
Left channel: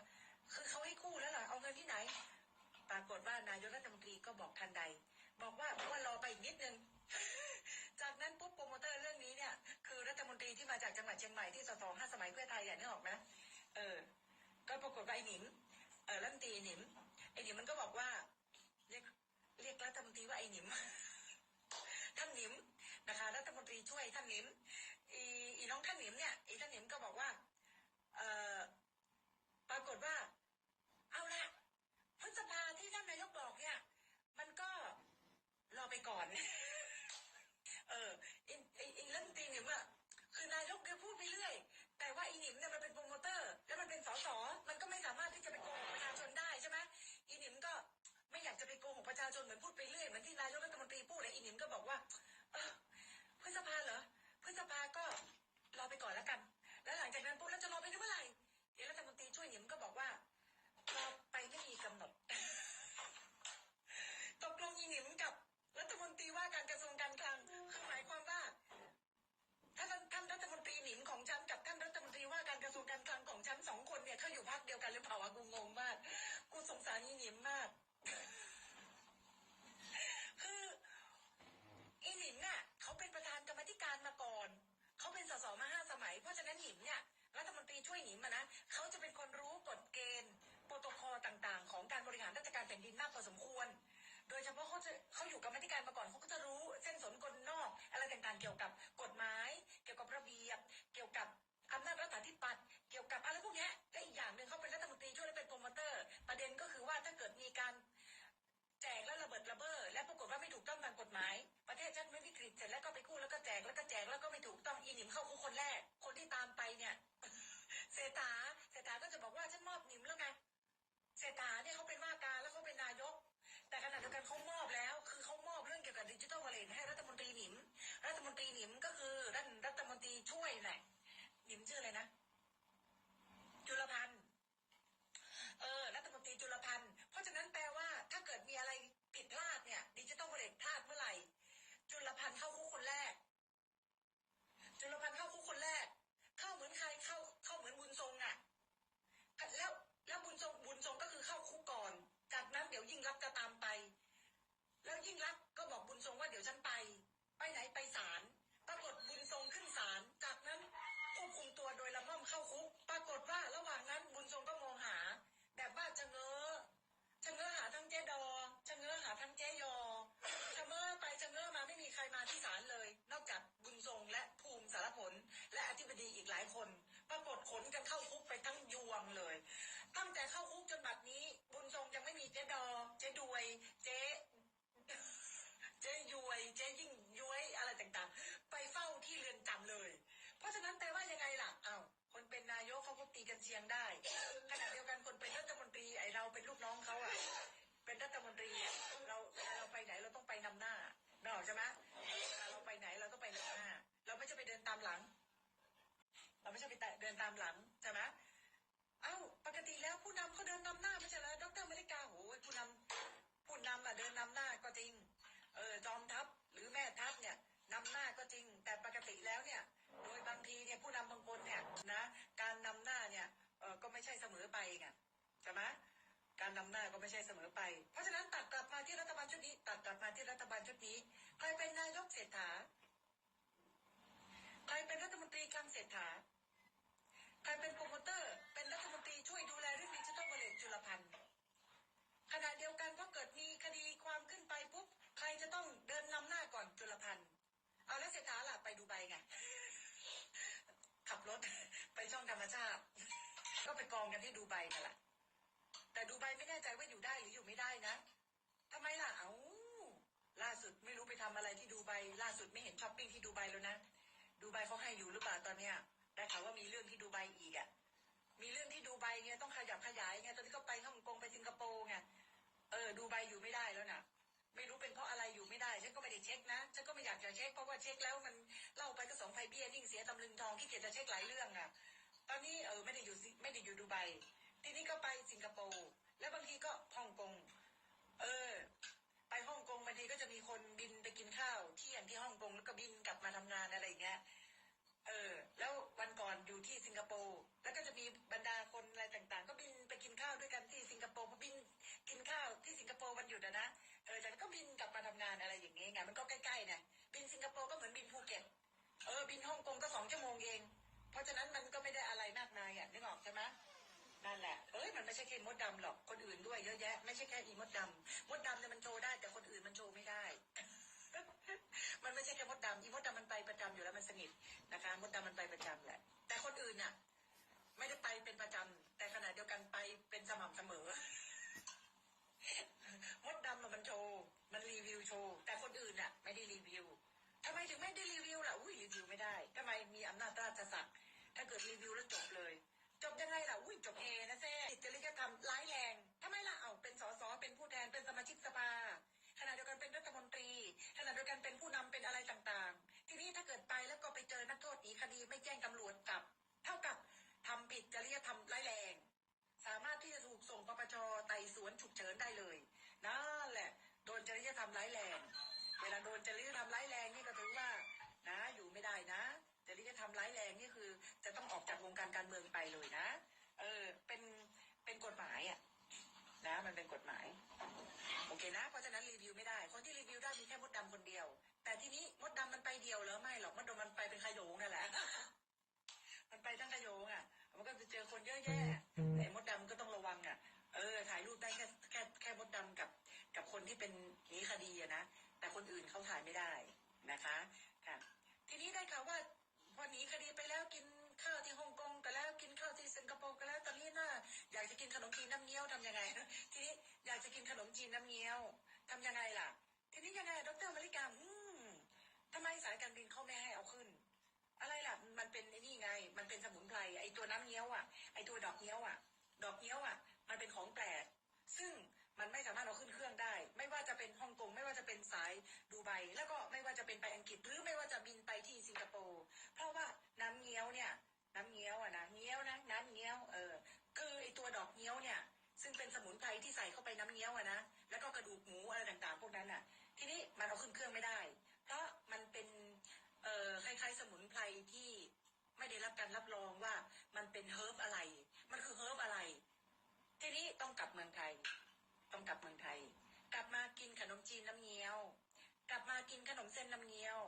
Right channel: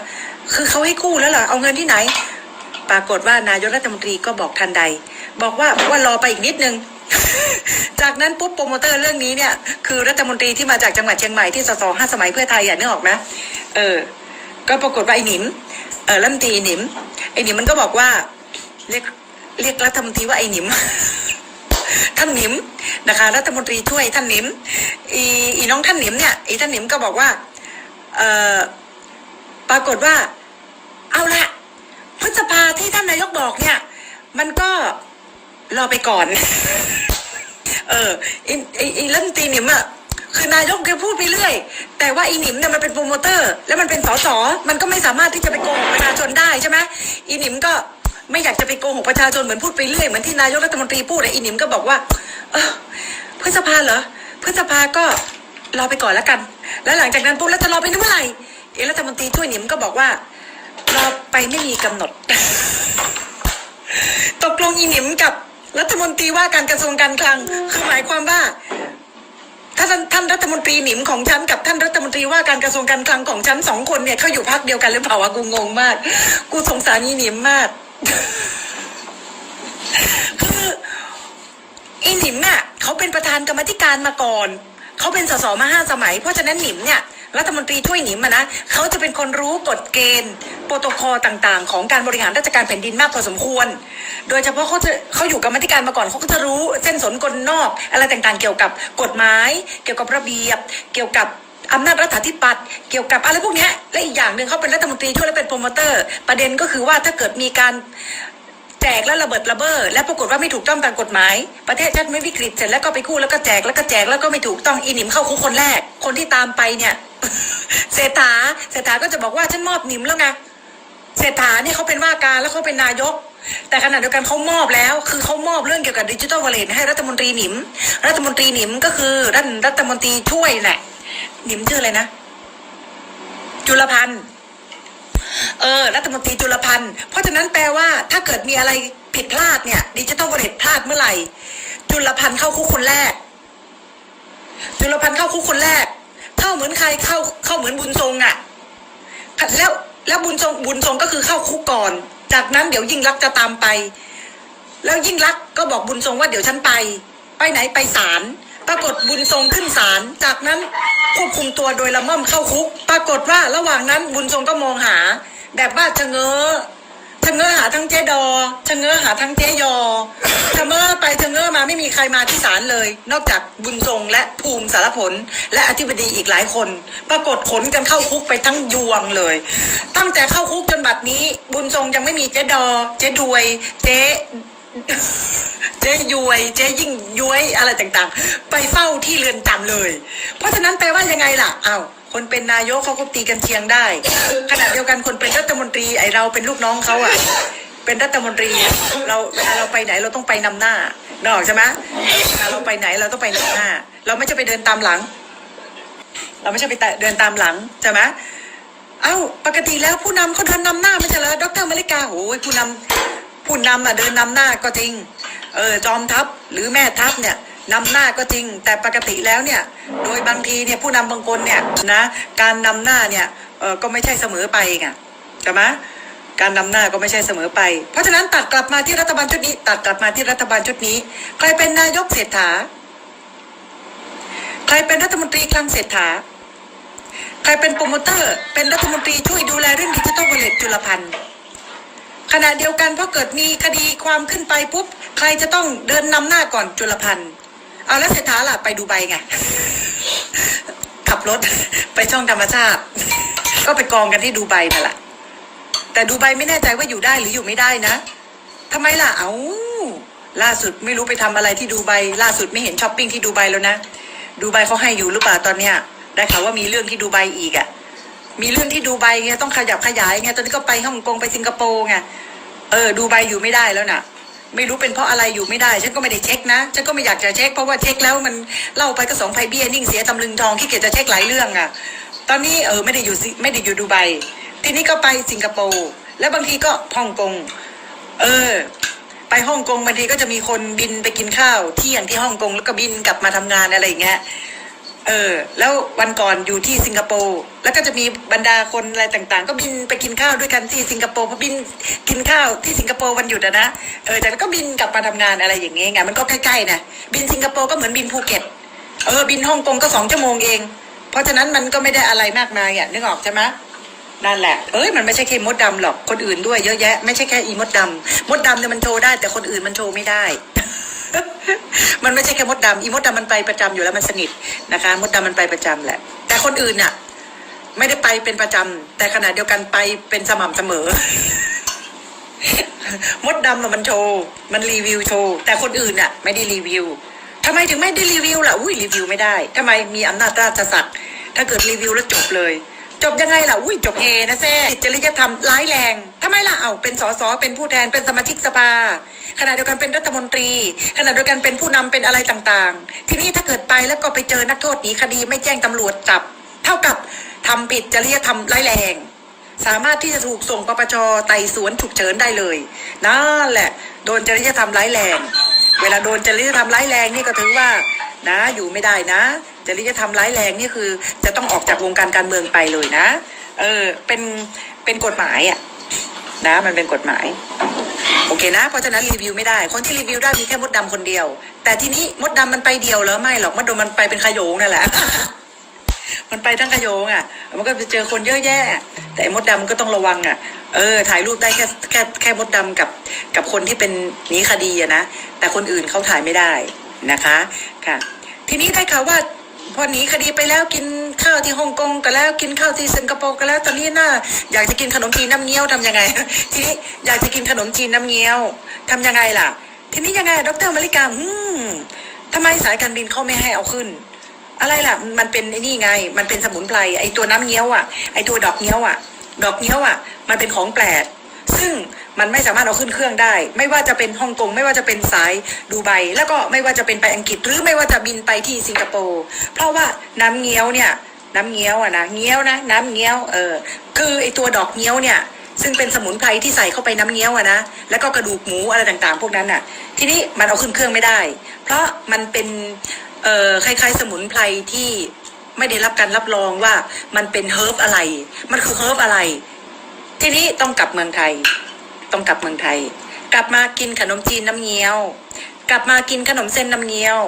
คือเขาให้กู้แล้วเหรอ เอาเงินที่ไหน ปรากฏว่านายกรัฐมนตรีก็บอกทันใด บอกว่าว่ารอไปอีกนิดนึงจากนั้นปุ๊บโปรโมเตอร์เรื่องนี้เนี่ย คือรัฐมนตรีที่มาจากจังหวัดเชียงใหม่ที่สสห้าสมัยเพื่อไทยอะนึกออกไหมเออ ก็ปรากฏว่าไอ้หนิมเออรัฐมนตรีหนิม ไอ้หนิมมันก็บอกว่า เรียกเรียกรัฐมนตรีว่าไอ้หนิม ท่านหนิมนะคะรัฐมนตรีช่วยท่านหนิมอีอีน้องท่านหนิมเนี่ยอีท่านหนิมก็บอกว่าเออปรากฏว่า เอาละพฤษภาที่ท่านนายกบอกเนี่ย มันก็รอไปก่อน เอออ้ไอ้ไอ้รัฐมนตรีหนิมอะ คือนายกแกพูดไปเรื่อย แต่ว่าอีหนิมเนี่ยมันเป็นโปรโมเตอร์ แล้วมันเป็นสสมันก็ไม่สามารถที่จะไปโกหกประชาชนได้ใช่ไหมอีหนิมก็ไม่อยากจะไปโกหกประชาชนเหมือนพูดไปเรื่อยเหมือนที่นายกรัฐมนตรีพูดเลยอีหนิมก็บอกว่าเออพฤษภาเหรอพฤษภาก็รอไปก่อนแล้วกัน แล้วหลังจากนั้นปุ๊บแล้วจะรอไปถึงเมื่อไหร่เอรัฐมนตรีช่วยหนิมก็บอกว่ารอไปไม่มีกำหนด ตกลงอีหนิมกับรัฐมนตรีว่าการกระทรวงการคลังคือหมายความว่า ถ้าท่านท่านรัฐมนตรีหนิมของฉันกับท่านรัฐมนตรีว่าการกระทรวงการคลังของฉันสองคนเนี่ยเขาอยู่พักเดียวกันหรือเปล่าวะกูงงมาก กูสงสารนี่หนิมมากคืออีหนิมน่ะเขาเป็นประธานกรรมธิการมาก่อนเขาเป็นสสมาห้าสมัย เพราะฉะนั้นหนิมเนี่ย รัฐมนตรีช่วยหนิมนะเขาจะเป็นคนรู้กฎเกณฑ์โปรโตคอลต่าง ๆ ของการบริหารราชการแผ่นดินมากพอสมควร โดยเฉพาะเขาจะเขาอยู่กรรมาธิการมาก่อนเขาก็จะรู้เส้นสนกลนอก อะไรต่างๆ เกี่ยวกับกฎหมาย เกี่ยวกับระเบียบ เกี่ยวกับอำนาจรัฐาธิปัตย์เกี่ยวกับอะไรพวกนี้และอีกอย่างหนึ่งเขาเป็นรัฐมนตรีช่วยและเป็นโปรโมเตอร์ ประเด็นก็คือว่าถ้าเกิดมีการ จกแล้วระเบิดระเบ้อและปรากฏว่าไม่ถูกต้องตามกฎหมาย ประเทศชาติไม่วิกฤตเสร็จแล้วก็ไปกู้แล้วก็แจกแล้วก็แจกแล้วก็ไม่ถูกต้องอีนิมเข้าคุกคนแรก คนที่ตามไปเนี่ยเศรษฐาเศรษฐาก็จะบอกว่าฉันมอบหนิมแล้วไงเศรษฐาเนี่ยเขาเป็นว่าการแล้วเขาเป็นนายก แต่ขณะเดียวกันเขามอบแล้ว คือเขามอบเรื่องเกี่ยวกับดิจิทัลวอลเล็ตให้รัฐมนตรีหนิม รัฐมนตรีหนิมก็คือรัฐรัฐมนตรีช่วยแหละหนิมชื่ออะไรนะ จุลพันธ์ เออรัฐมนตรีจุลพันธ์ เพราะฉะนั้นแปลว่าถ้าเกิดมีอะไรผิดพลาดเนี่ยดิจิทัลวอลเล็ตพลาดเมื่อไหร่ จุลพันธ์เข้าคุกคนแรก จุลพันธ์เข้าคุกคนแรก เข้าเหมือนใครเข้าเข้าเหมือนบุญทรงอะ่ะแล้วแล้วบุญทรงบุญทรงก็คือเข้าคุกก่อน จากนั้นเดี๋ยวยิ่งรักจะตามไป แล้วยิ่งรักก็บอกบุญทรงว่าเดี๋ยวฉันไป ไปไหนไปศาลปรากฏบุญทรงขึ้นศาลจากนั้น ควบคุมตัวโดยละม่อมเข้าคุก ปรากฏว่าระหว่างนั้นบุญทรงก็มองหา แบบว่าชะเง้อชะเง้อหาทั้งเจ๊ดอชะเง้อหาทั้งเจ๊ยอชะเง้อไปชะเง้อมาไม่มีใครมาที่ศาลเลย นอกจากบุญทรงและภูมิสารผล และอธิบดีอีกหลายคน ปรากฏขนกันเข้าคุกไปทั้งยวงเลย ตั้งแต่เข้าคุกจนบัดนี้ บุญทรงยังไม่มีเจ๊ดอ เจ๊ดวย เจ๊ เจ๊ยวย เจ๊ยิ่งย้วยอะไรต่างๆ ไปเฝ้าที่เรือนจำเลย เพราะฉะนั้นแปลว่ายังไงล่ะอ้าวคนเป็นนายกเขาก็ตีกันเชียงได้ขณะเดียวกันคนเป็นรัฐมนตรีไอเราเป็นลูกน้องเขาอะเป็นรัฐมนตรีเราเวลาเราไปไหนเราต้องไปนำหน้านกออกใช่ไหมเวลาเราไปไหนเราต้องไปนำหน้า เราไม่จะไปเดินตามหลัง เราไม่ใช่ไปเดินตามหลังใช่ไหมเอ้าปกติแล้วผู้นำเขาเดินนำหน้าไม่ใช่เหรอดรมาริกาโอ้ยผู้นำ ผู้นำอะเดินนำหน้าก็จริงเออจอมทัพหรือแม่ทัพเนี่ยนำหน้าก็จริง แต่ปกติแล้วเนี่ยโดยบางทีเนี่ยผู้นำบางคนเนี่ยนะการนำหน้าเนี่ยเออก็ไม่ใช่เสมอไปไงใช่ไหมการนำหน้าก็ไม่ใช่เสมอไป เพราะฉะนั้นตัดกลับมาที่รัฐบาลชุดนี้ ตัดกลับมาที่รัฐบาลชุดนี้ ใครเป็นนายกเศรษฐา ใครเป็นรัฐมนตรีคลังเศรษฐา ใครเป็นโปรโมเตอร์ เป็นรัฐมนตรีช่วยดูแลเรื่องดิจิทัลวอลเล็ตจุลพันธ์ ขณะเดียวกันพอเกิดมีคดีความขึ้นไปปุ๊บ ใครจะต้องเดินนำหน้าก่อนจุลพันธ์เอาแล้วเศรษฐาล่ะไปดูใบไง ขับรถไปช่องธรรมชาติ ก็ไปกองกันที่ดูใบนั่นแหละแต่ดูใบไม่แน่ใจว่าอยู่ได้หรืออยู่ไม่ได้นะทำไมล่ะเอาล่าสุดไม่รู้ไปทำอะไรที่ดูใบล่าสุดไม่เห็นช้อปปิ้งที่ดูใบแล้วนะ ดูใบเขาให้อยู่หรือเปล่าตอนเนี้ยได้ข่าวว่ามีเรื่องที่ดูใบอีกอะ่ะ มีเรื่องที่ดูใบไงต้องขยับขยายไงตอนนี้ก็ไปฮ่องกงไปสิงคโปร์ไงเออดูใบอยู่ไม่ได้แล้วน่ะ ไม่รู้เป็นเพราะอะไรอยู่ไม่ได้ ฉันก็ไม่ได้เช็คนะฉันก็ไม่อยากจะเช็คเพราะว่าเช็คแล้วมันเล่าไปก็สองไพเบี้ยนิ่งเสียตำลึงทองขี้เกียจจะเช็คหลายเรื่องอะ ตอนนี้เออไม่ได้อยู่ไม่ได้อยู่ดูไบทีนี้ก็ไปสิงคโปร์แล้วบางทีก็ฮ่องกงเออ ไปฮ่องกงบางทีก็จะมีคนบินไปกินข้าวเที่ยงที่ฮ่องกงแล้วก็บินกลับมาทำงานอะไรอย่างเงี้ย เออ แล้ววันก่อนอยู่ที่สิงคโปร์แล้วก็จะมีบรรดาคนอะไรต่างๆ ก็บินไปกินข้าวด้วยกันที่สิงคโปร์พอบินกินข้าวที่สิงคโปร์วันหยุดอะนะเออแต่ก็บินกลับมาทำงานอะไรอย่างเงี้ยไงมันก็ใกล้ๆนะบินสิงคโปร์ก็เหมือนบินภูเก็ตเออบินฮ่องกงก็สองชั่วโมงเอง เพราะฉะนั้นมันก็ไม่ได้อะไรมากมายอะนึกออกใช่ไหมนั่นแหละ เอ้ย มันไม่ใช่แค่มดดำหรอก คนอื่นด้วยเยอะแยะ ไม่ใช่แค่อีมดดำ มดดำเนี่ยมันโชว์ได้ แต่คนอื่นมันโชว์ไม่ได้ มันไม่ใช่แค่มดดำอีมดดำมันไปประจำอยู่แล้วมันสนิทนะคะ มดดำมันไปประจำแหละ แต่คนอื่นน่ะ ไม่ได้ไปเป็นประจำแต่ขณะเดียวกันไปเป็นสม่ำเสมอ มดดำมันโชว์มันรีวิวโชว์แต่คนอื่นน่ะ ไม่ได้รีวิวทำไมถึงไม่ได้รีวิวล่ะอุ้ยรีวิวไม่ได้ทำไมมีอำนาจราชศักดิ์ถ้าเกิดรีวิวแล้วจบเลย จบยังไงล่ะอุ้ยจบเฮนะแซ่ผิดจริยธรรมร้ายแรงทำไมล่ะเอาเป็นสสเป็นผู้แทนเป็นสมาชิกสภาขณะเดียวกันเป็นรัฐมนตรีขณะเดียวกันเป็นผู้นำเป็นอะไรต่างๆ ทีนี้ถ้าเกิดไปแล้วก็ไปเจอนักโทษหนีคดีไม่แจ้งตำรวจจับ เท่ากับทำผิดจริยธรรมร้ายแรง สามารถที่จะถูกส่งปปชไต่สวนฉุกเฉินได้เลยนั่นแหละ โดนจริยธรรมร้ายแรง เวลาโดนจริยธรรมร้ายแรงนี่ก็ถือว่า นะ อยู่ไม่ได้นะจริยธรรมร้ายแรงนี่คือ จะต้องออกจากวงการการเมืองไปเลยนะ เออ เป็น เป็นกฎหมายอะนะ มันเป็นกฎหมาย โอเคนะ เพราะฉะนั้นรีวิวไม่ได้ คนที่รีวิวได้มีแค่มดดำคนเดียว แต่ทีนี้มดดำมันไปเดียวเหรอไม่หรอก มดดำมันไปเป็นขโยงนั่นแหละ มันไปทั้งขโยงอะ มันก็ไปเจอคนเยอะแยะ แต่ไอ้มดดำมันก็ต้องระวังอะ เออ ถ่ายรูปได้แค่แค่แค่มดดำกับกับคนที่เป็นหนีคดีอะนะ แต่คนอื่นเขาถ่ายไม่ได้นะคะ ค่ะ ทีนี้ได้ข่าวว่าพอหนีคดีไปแล้วกินข้าวที่ฮ่องกงก็แล้วกินข้าวที่สิงคโปร์ก็แล้วตอนนี้น่าอยากจะกินขนมจีนน้ำเงี้ยวทำยังไง ทีนี้อยากจะกินขนมจีนน้ำเงี้ยวทำยังไงล่ะ ทีนี้ยังไงดรมาริกาอืมทำไมสายการบินเขาไม่ให้เอาขึ้น อะไรล่ะ มันเป็นไอ้นี่ไง มันเป็นสมุนไพรไอตัวน้ำเงี้ยวอะไอตัวดอกเงี้ยวอะ ดอกเงี้ยวอะ มันเป็นของแปลก ซึ่งมันไม่สามารถเอาขึ้นเครื่องได้ ไม่ว่าจะเป็นฮ่องกงไม่ว่าจะเป็นสายดูไบแล้วก็ไม่ว่าจะเป็นไปอังกฤษ หรือไม่ว่าจะบินไปที่สิงคโปร์เพราะว่าน้ำเงี้ยวเนี่ยน้ำเงี้ยวอะนะเงี้ยวนะ น้ำเงี้ยวเออคือไอตัวดอกเงี้ยวเนี่ยซึ่งเป็นสมุนไพรที่ใส่เข้าไปน้ำเงี้ยวอะนะแล้วก็กระดูกหมูอะไรต่างๆ พวกนั้นอะทีนี้มันเอาขึ้นเครื่องไม่ได้ เพราะมันเป็นเอ่อคล้ายๆ สมุนไพรที่ไม่ได้รับการรับรองว่ามันเป็นเฮิร์บอะไร มันคือเฮิร์บอะไร ทีนี้ต้องกลับเมืองไทย ต้องกลับเมืองไทย กลับมากินขนมจีนน้ำเงี้ยว กลับมากินขนมเส้นน้ำเงี้ยว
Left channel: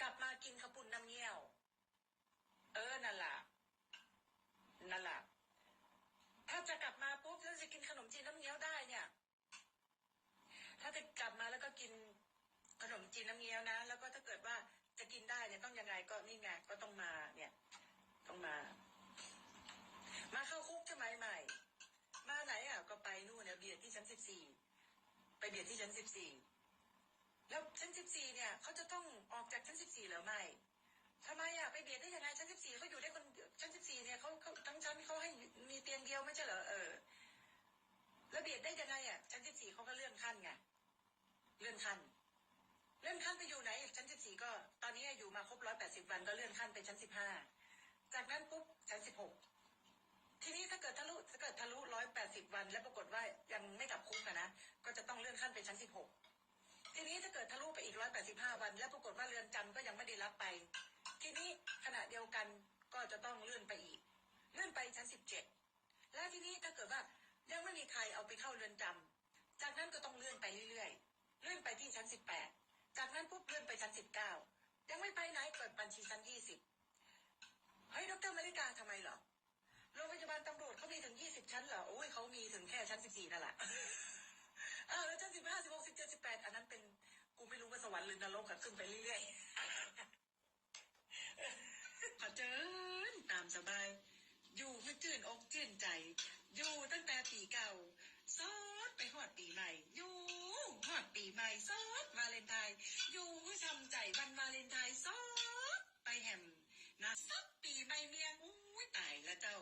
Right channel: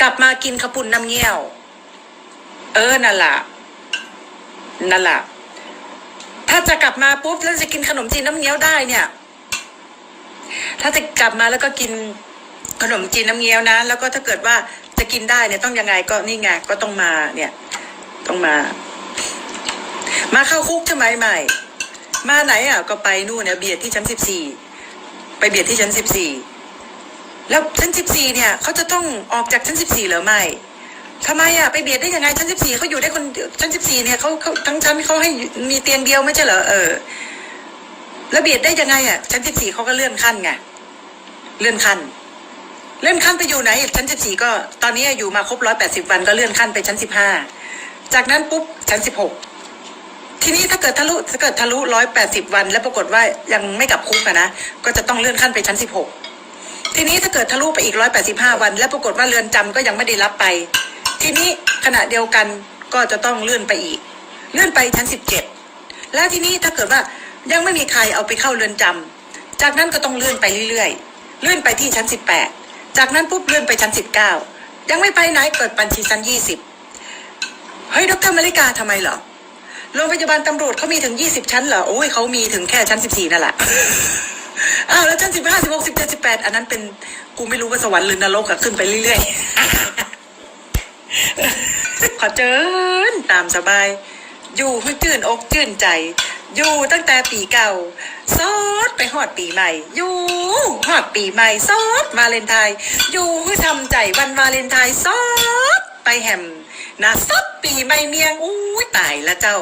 กลับมากินขาวปุ่นน้ำเงี้ยว เออนั่นละนั่นละถ้าจะกลับมาปุ๊บแล้วจะกินขนมจีนน้ำเงี้ยวได้เนี่ย ถ้าจะกลับมาแล้วก็กินขนมจีนน้ำเงี้ยวนะ แล้วก็ถ้าเกิดว่าจะกินได้เนี่ยต้องยังไงก็นี่ไงก็ต้องมาเนี่ย ต้องมา มาเข้าคุกใช่ไมใหม่ มาไหนอะก็ไปนู่นเนี่ยเบียดที่ชั้นสิบสี่ไปเบียดที่ชั้นสิบสี่แล้วชั้นสิบสี่เนี่ยเขาจะต้องออกจากชั้นสิบสี่หรือไม่ทำไมอะไปเบียดได้ยังไงชั้นสิบสี่เขาอยู่ได้คนชั้นสิบสี่เนี่ยเขาเขาทั้งชั้นเขาให้มีเตียงเดียวไม่ใช่เหรอเออแล้วเบียดได้ยังไงอะชั้นสิบสี่เขาก็เลื่อนขั้นไงเลื่อนขั้นเลื่อนขั้นไปอยู่ไหนชั้นสิบสี่ก็ตอนนี้อยู่มาครบร้อยแปดสิบวันก็เลื่อนขั้นไปชั้นสิบห้าจากนั้นปุ๊บชั้นสิบหก ทีนี้ถ้าเกิดทะลุถ้าเกิดทะลุร้อยแปดสิบวัน แล้วปรากฏว่ายังไม่กลับคุกนะก็จะต้องเลื่อนขั้นไปชั้นสิบหกทีนี้ถ้าเกิดทะลุไปอีกร้อยแปดสิบห้าวัน แล้วปรากฏว่าเรือนจำก็ยังไม่ได้รับไป ทีนี้ขณะเดียวกันก็จะต้องเลื่อนไปอีก เลื่อนไปชั้นสิบเจ็ดแล้วทีนี้ถ้าเกิดว่ายังไม่มีใครเอาไปเข้าเรือนจำจากนั้นก็ต้องเลื่อนไปเรื่อยๆ เลื่อนไปที่ชั้นสิบแปดจากนั้นปุ๊บเลื่อนไปชั้นสิบเก้ายังไม่ไปไหนเกิดบัญชีชั้นยี่สิบเฮ้ยดรมาริกาทำไมเหรอ โรงพยาบาลตำรวจเขามีถึงยี่สิบชั้นเหรอ โอ้ยเขามีถึงแค่ชั้นสิบสี่นั่นแหละ อ้าวแล้วชั้นสิบห้าสิบหกสิบเจ็ดสิบแปดอันนั้นเป็นกูไม่รู้ว่าสวรรค์หรือนรกอะขึ้นไปเรื่อยๆ ขอเจิญตามสบาย อยู่ให้จื่นอกจื่นใจ อยู่ตั้งแต่ปีเก่า ซอดไปหอดปีใหม่ อยู่หอดปีใหม่ ซอดวาเลนไทน์อยู่ให้ทำใจวันวาเลนไทน์ซอดไปแฮม นะซับปีใหม่เมียงอู้ยตายละเจ้า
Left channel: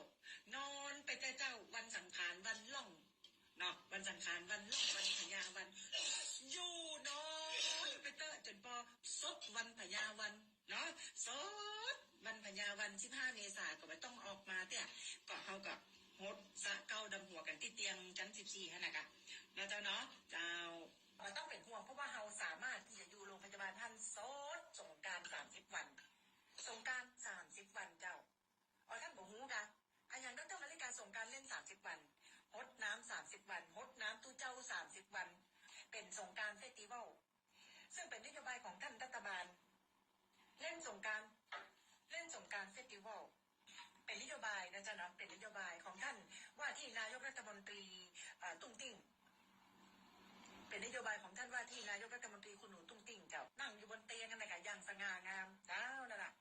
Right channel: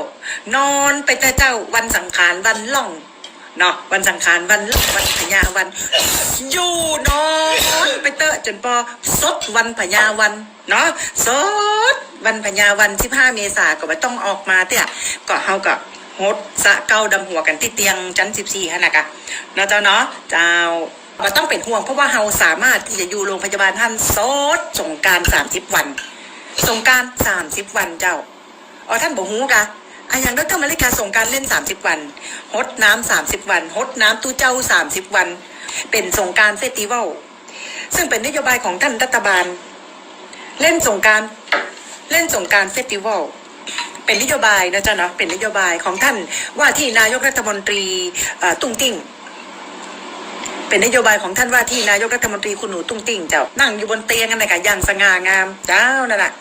นอนไปแต่เจ้าวันสังขารวันล่องเนาะวันสังขารวันล่องวันพญาวัน อยู่นอนไปเตอะจนปอสดวันพญาวันเนาะสดวันพญาวันที่ห้าเมษาก็ไม่ต้องออกมาเตี้ยก็เฮากับฮดสะเกาดำหัวกันที่เตียงชั้นสิบสี่ฮะนะกะเนาะเจ้าเนาะเจ้าก็ต้องเป็นห่วงเพราะว่าเฮาสามารถที่จะอยู่โรงพยาบาลท่านโซดสงการสามสิบวัน สงการสามสิบวันเจ้าอ๋อท่านบอกฮู้กะอะอย่างดรมาริกาสงการเล่นสามสิบวันฮดน้ำสามสิบวันฮดน้ำตู้เจ้าสามสิบวัน เป็นสงการเฟสติวัลซึ่งเป็นนโยบายของท่านรัฐบาล เล่นสงการเล่นสงการเฟสติวัลเป็นนโยบายนะจ๊ะเนาะเป็นนโยบายของท่านว่าที่นายกรัฐมนตรีอ่อตุ้งติ้ง เป็นนโยบายของท่านว่าที่นายกรัฐมนตรีคุณหนูตุ้งติ้งเจ้านั่งอยู่บนเตียงกันนะคะอย่างสง่างามเจ้านั่นแหละ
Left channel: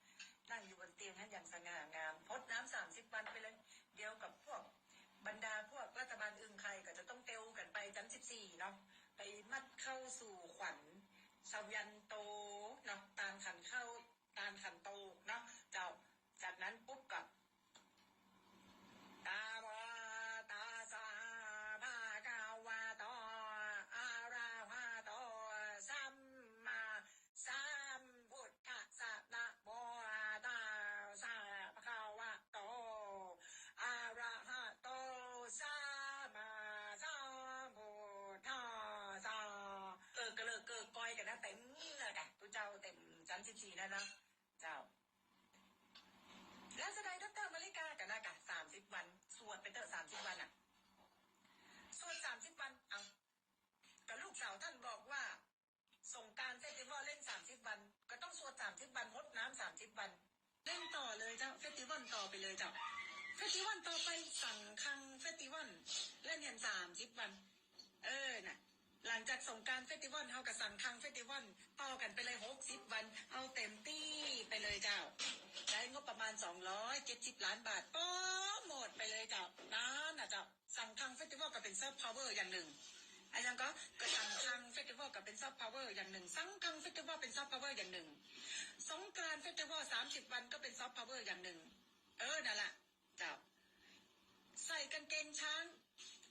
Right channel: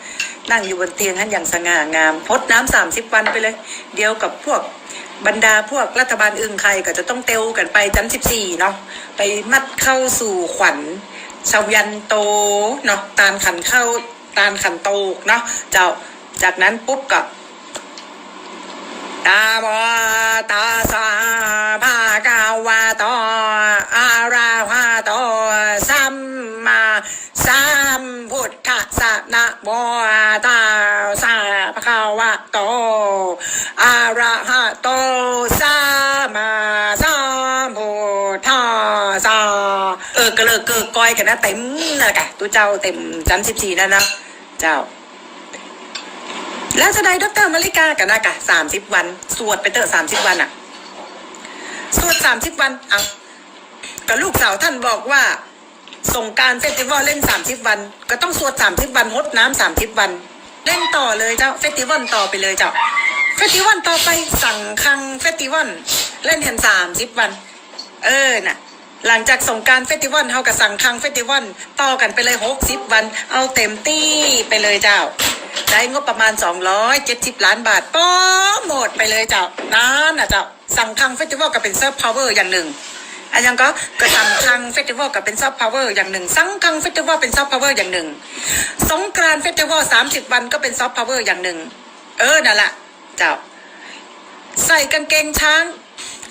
นั่งอยู่บนเตียงนั้นอย่างสง่างามพดน้ำสามสิบวันไปเลย เดียวกับพวกบรรดาพวกรัฐบาลอึงใครก็จะต้องเตวกันไปจันสิบสี่เนาะไปมัดเข้าสู่ขวัญชาวยันโตเนาะตาลขันเข้าตาลขันโตเนาะเจ้าจากนั้นปุ๊บก็ตาบอตาสาภากาวาโตอาราหาโตสัมมาสัมพุทธัสสะนะโมตาสาภากาวาโตอาราหะโตสัมมาสัมพุทธัสสะเออก็เลิกเกิกก้อยกั นะเต็มนะกะตัวเจ้าเต็มจันสิบสี่นั่นนะเจ้า แล้วจะได้ดรมาริกากันนะกะสามสิบวัน สวดไปเตอะสามสิบวันอะสวดสามสิบวันเอากับลูกสาวท่านบอกว่าส่งการเฟสติวัลเล่นสามสิบวัน ก็ต้องสวดสามสิบวันงดน้ำสามสิบวัน เล่นต่อเลยเจ้าเฟสติวัลต่อไปเลยเจ้าเฟสติวัลต่อไปสั่งคังเฟสติวัลเล่นเห็นสามสิบวัน เออน่ะ หลังจากสงการเฟสติวัลเฮากับสั่งคังเฟสติวัลต่อกันไปเลยหกสิบวัน เอาเต็มที่ไปเลยเจ้า ได้งบประมาณ270ล้านบาทป้อหมดไปเลยเจ้านั่นนะเจ้าสั่งคังเฟสติวัลก็เป็นเซิร์ฟพาวเวอร์อย่างหนึ่งอันยังก็ก็สั่งคังเฟสติวัลก็เป็นซอฟต์พาวเวอร์อย่างหนึ่งสังคังเฟสติวัลเป็นซอฟต์พาวเวอร์อย่างหนึ่ง สงกรานเฟสติวัลสามสิบวันก็เป็นซอฟต์พาวเวอร์อย่างหนึ่ง เออนั่นแหละเจ้า ใส่กางเกงช้าง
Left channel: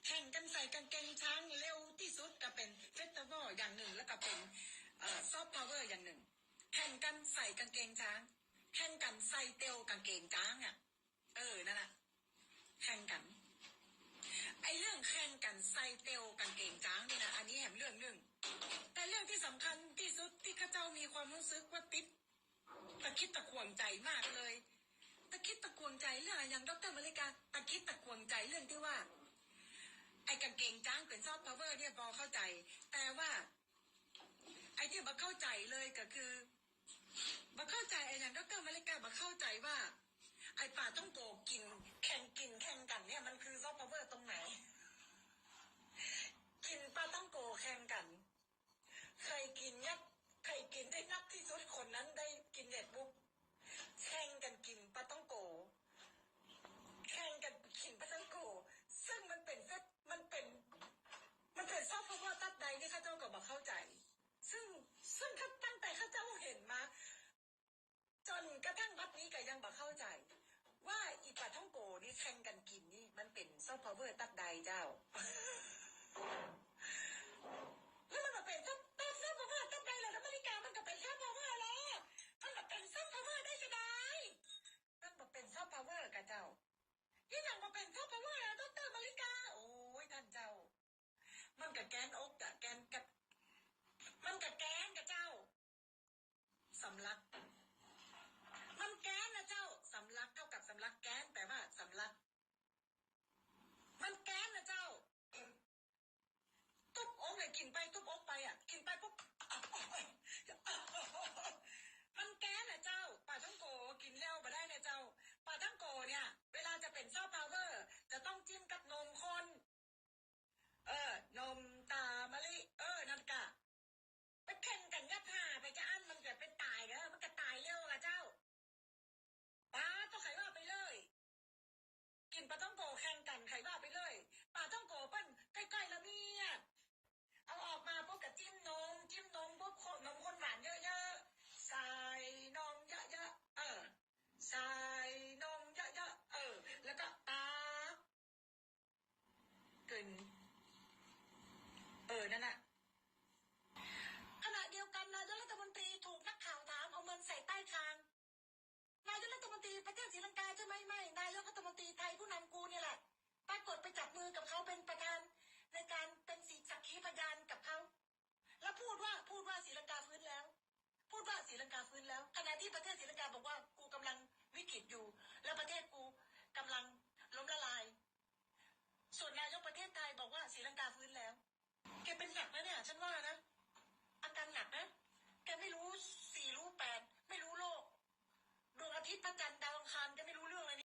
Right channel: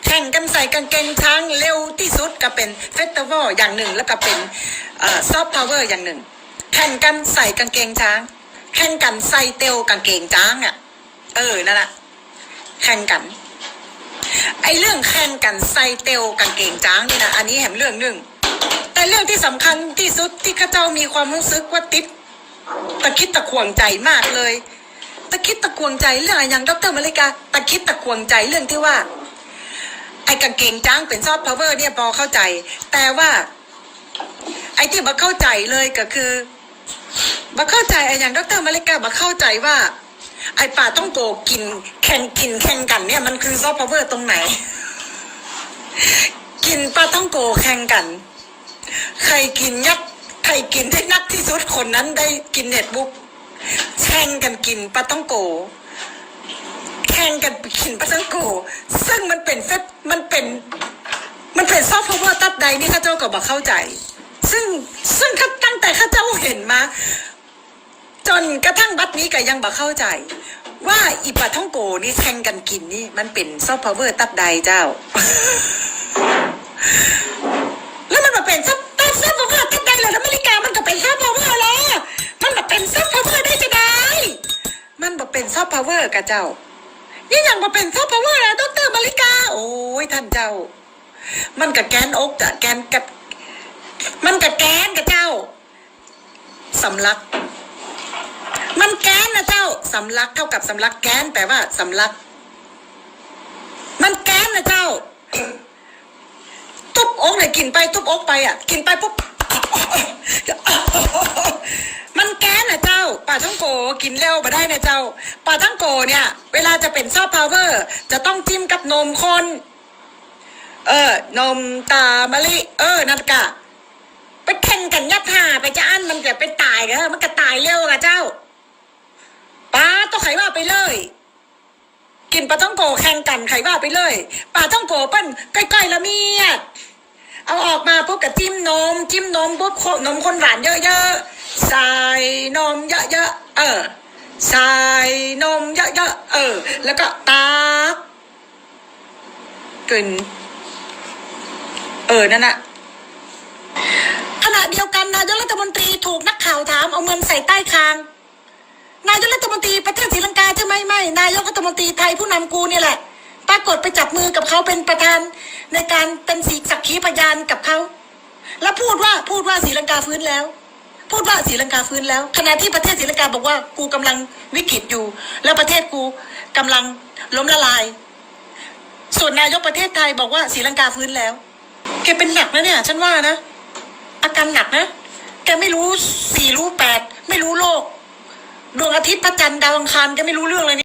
แข่งกันใส่กางเกงช้างเร็วที่สุดก็เป็นเฟสติวัลอย่างหนึ่งแล้วก็เป็นซอฟต์พาวเวอร์อย่างหนึ่ง แข่งกันใส่กางเกงช้าง แข่งกันใส่เตลกางเกงช้างอะ เออนั่นแหละแข่งกัน ไอ้เรื่องแข่งกันใส่เตลกางเกงจ้างนี่นะอันนี้แหมเรื่องหนึ่งแต่เรื่องที่สำคัญที่สุดที่ข้าเจ้ามีความรู้สึกว่าติดตะคิดตะขวงใจมากเลย ตะคิดตะขวงใจเรื่องอะไรอย่างดรมาริกา ตะคิดตะขวงใจเรื่องที่ว่า ไอ้กางเกงจ้างเป็นซอฟต์พาวเวอร์เนี่ยพอเข้าใจ แต่ว่า ไอ้ที่บัเข้าใจเลยก็คือบัเข้าใจไอ้อย่างดรมาริกาบัเข้าใจว่า ไอ้ป่าต้องโกกินแข่งกินแข่งกันเนี่ยมันคือซอฟต์พาวเวอร์ตรงไหน กินปลาต้องโกแข่งกัน ใครกินยักใครกินได้นักที่สุดคนนั้นได้กินเน็ตบุ๊กแข่งกันกินปลาต้องโก แข่งกันกินปลาต้องโก ซึ่งมันเป็นเฟซมันเป็น มันเป็นซอฟต์พาวเวอร์ตับใดนี่ข้าเจ้าก็บอกเข้าใจ ซึ่งซึ่งตั้งแต่ข้าเจ้าเห็นมา จนกระทั่งบัดนี้ก็ยังบอกเข้าใจ ว่าอีปลาท่องโกนี่แข่งกันกินนี่มันเป็นซอฟต์พาวเวอร์ตับใดเจ้า แล้วมันมาเป็นซับซับซับพาวเวอร์ทัดได้เลยแล้วอเมริกามันก็เป็นซับพาวเวอร์แล้วมันมาเป็นซับพาวเวอร์ได้จะได้มันมาเป็นซับพาวเวอร์กับเจ้า นี่ยังมาเป็นซับพาวเวอร์แล้วดรอเมริกา โอ้ยท่านเจ้า มันกับแกนอกอะแกนกับ มันกับแกนกับเจ้าสำลัก มันแกนนะเจ้าสำลักเท่ากับสำลักแกนแปลว่าสำลัก มันแกนนะเจ้าทุบอกเลยกินไปทุบอกไปอะ กินไปปุ๊บ มันแก๊สนะเจ้าปลาท่องโกกินเร็วมาได้นะเจ้าปลาท่องโกเนี่ย เวลาจะเป็นซอฟต์พาวเวอร์จะต้องจิ้มกับนมคนเออนมตามะลิเออนันกะ ไปแข่งกันยัดห่าไปจะอั้นมันจะไปตายเออมันก็ตายเร็วอะเจ้าปลาต้องไขว่าไปเลย กินปลาต้องโกแข่งกันไขว่าไปเลยปลาต้องโกเปิ้นใกล้ๆละเมียดเอาออกมาปุ๊บกับจิ้มนม จิ้มนมปุ๊บโคนมข้นหวานเยอะๆ ใส่นมเยอะๆเออใส่นมเยอะๆเออ แล้วก็ตักกินเออนั่นน่ะขณะเดียวกันนายกรัฐมนตรีถูกนักข่าวถามเอาเงินใส่ใต้คาง นายกรัฐมนตรีประเทศศรีลังกาใช่ไหมไม่นายกรัฐมนตรีไทยผู้นำกูเนี่ยแหละ ปรากฏไปจับมือกับเขาเป็นประธาน ในการเป็นสีสักขีพยานกับเขา แล้วพูดว่าพูดว่าศรีลังกาฟื้นแล้ว พูดว่าศรีลังกาฟื้นแล้วขณะที่ประเทศศรีลังกาบอกว่ากูกำลังวิกฤตอยู่ แล้วประเทศกูกำลังล้มละลาย ส่วนนายกประเทศไทยบอกว่าศรีลังกาฟื้นแล้วแกเป็นหนักนะเนี่ย ฉันว่านะ อาการหนักนะแกไม่รู้สี่รู้แปดไม่รู้โลก ดวงอาทิตย์พระจันทร์ดาวอังคารแกไม่รู้เรื่องเลย